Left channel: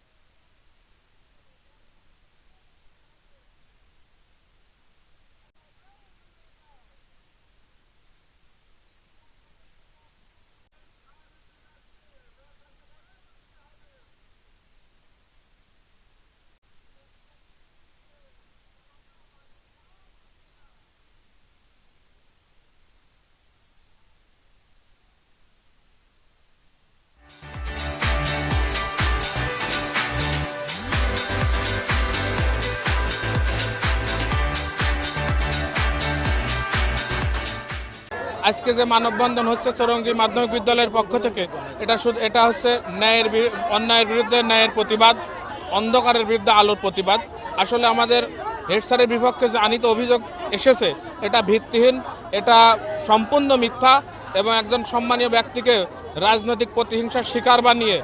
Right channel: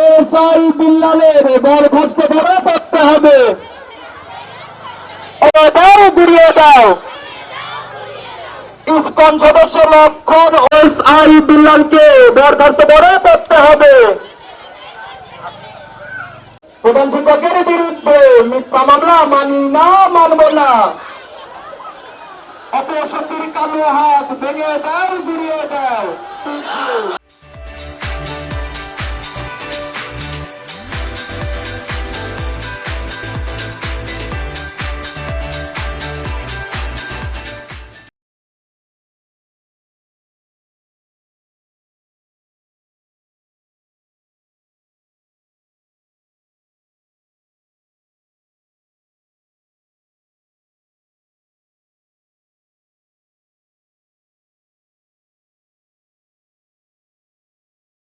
SI বিল্লালের বরখাস্ত করে করতে হবে। দাও গুড়িয়ে দাও। ইসকন সদস্য লক্ষণ এসআই বিল্লালকে বরখাস্ত করে করতে হবে। প্রধান শিক্ষকের বিরুদ্ধে মিথ্যা মামলা মানি না, মানব না। অপশক্তির কালো হাত ভেঙে দাও গুড়িয়ে দাও। আজকে যে মানববন্ধন হচ্ছে চৌরঙ্গী মাধ্যমিক বিদ্যালয়ের পক্ষ থেকে, এটা শুধু এটা হচ্ছে ন্যায়ের অন্যায়ের বিরুদ্ধে ন্যায়ের প্রতিবাদ, অন্ধকারের বিরুদ্ধে আলোর প্রতিবাদ। আসলে আমাদের হেড স্যারের বিপক্ষে যে আনিত অভিযোগ এসেছে, এটা ভিত্তিহীন, এটা সম্পূর্ণ মিথ্যা এবং একজন সম্মানীয় ব্যক্তিকে রাজনৈতিক প্রতিহিংসার শিকার বানিয়ে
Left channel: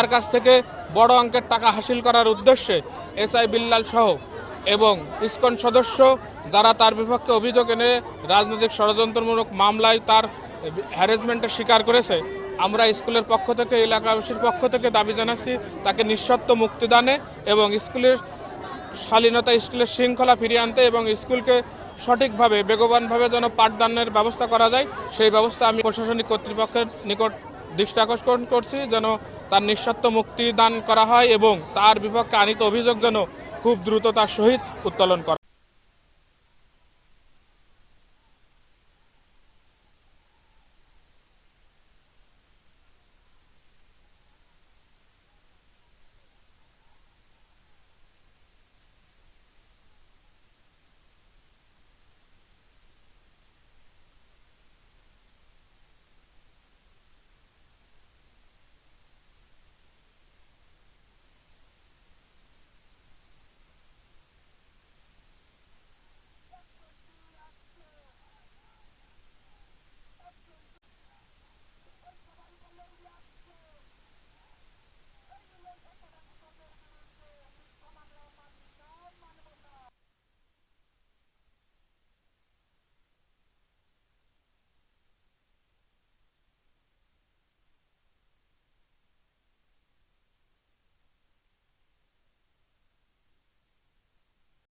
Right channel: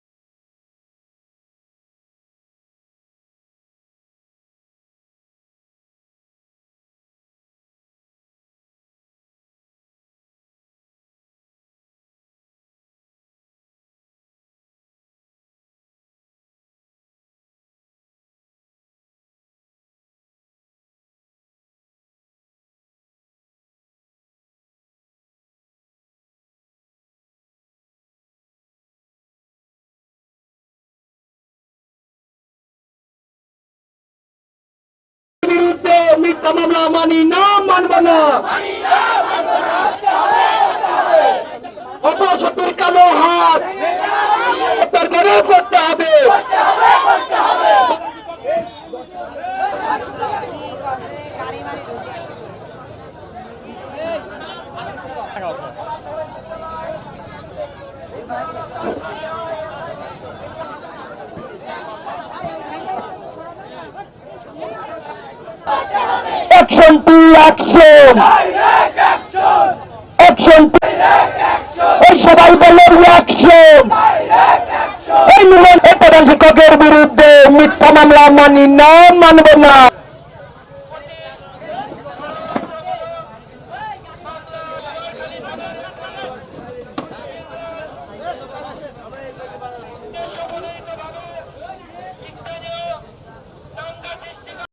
তার কাছ থেকে বড় অঙ্কের টাকা হাসিল করার উদ্দেশ্যে এসআই বিল্লাল সহ এবং ইসকন সদস্য যারা তার বিপক্ষে অভিযোগ এনে রাজনৈতিক ষড়যন্ত্রমূলক মামলায় তার হ্যারাসমেন্টের শিকার করেছে, আমরা স্কুলের পক্ষ থেকে, এলাকাবাসীর পক্ষ থেকে দাবি জানাচ্ছি তাকে নিঃশর্ত মুক্তিদানে এবং স্কুলের শালীনতা স্কুলের শৃঙ্খলা ফিরিয়ে আনতে এবং স্কুলকে সঠিকভাবে, বেগবানভাবে যেন পাঠদানের ব্যবস্থা করা যায়, সেই ব্যবস্থা আমি প্রশাসনিক কর্তৃপক্ষের নিকট দৃষ্টি আকর্ষণ করছি যেন তার নিঃস্বার্থ মুক্তি দান করা হয় এবং তার বিপক্ষে আনিত অভিযোগ যেন খুব দ্রুত তার সহিত উত্তোলন করা বিরুদ্ধে মিথ্যা মামলা মানি না, মানব না। কালো হাত। করে করতে action! Action action! Action action এই সবাই বলে রিয়াকশন এই মিলন প্রধান শিক্ষকের বিরুদ্ধে মিথ্যা মামলা মানি না মানব না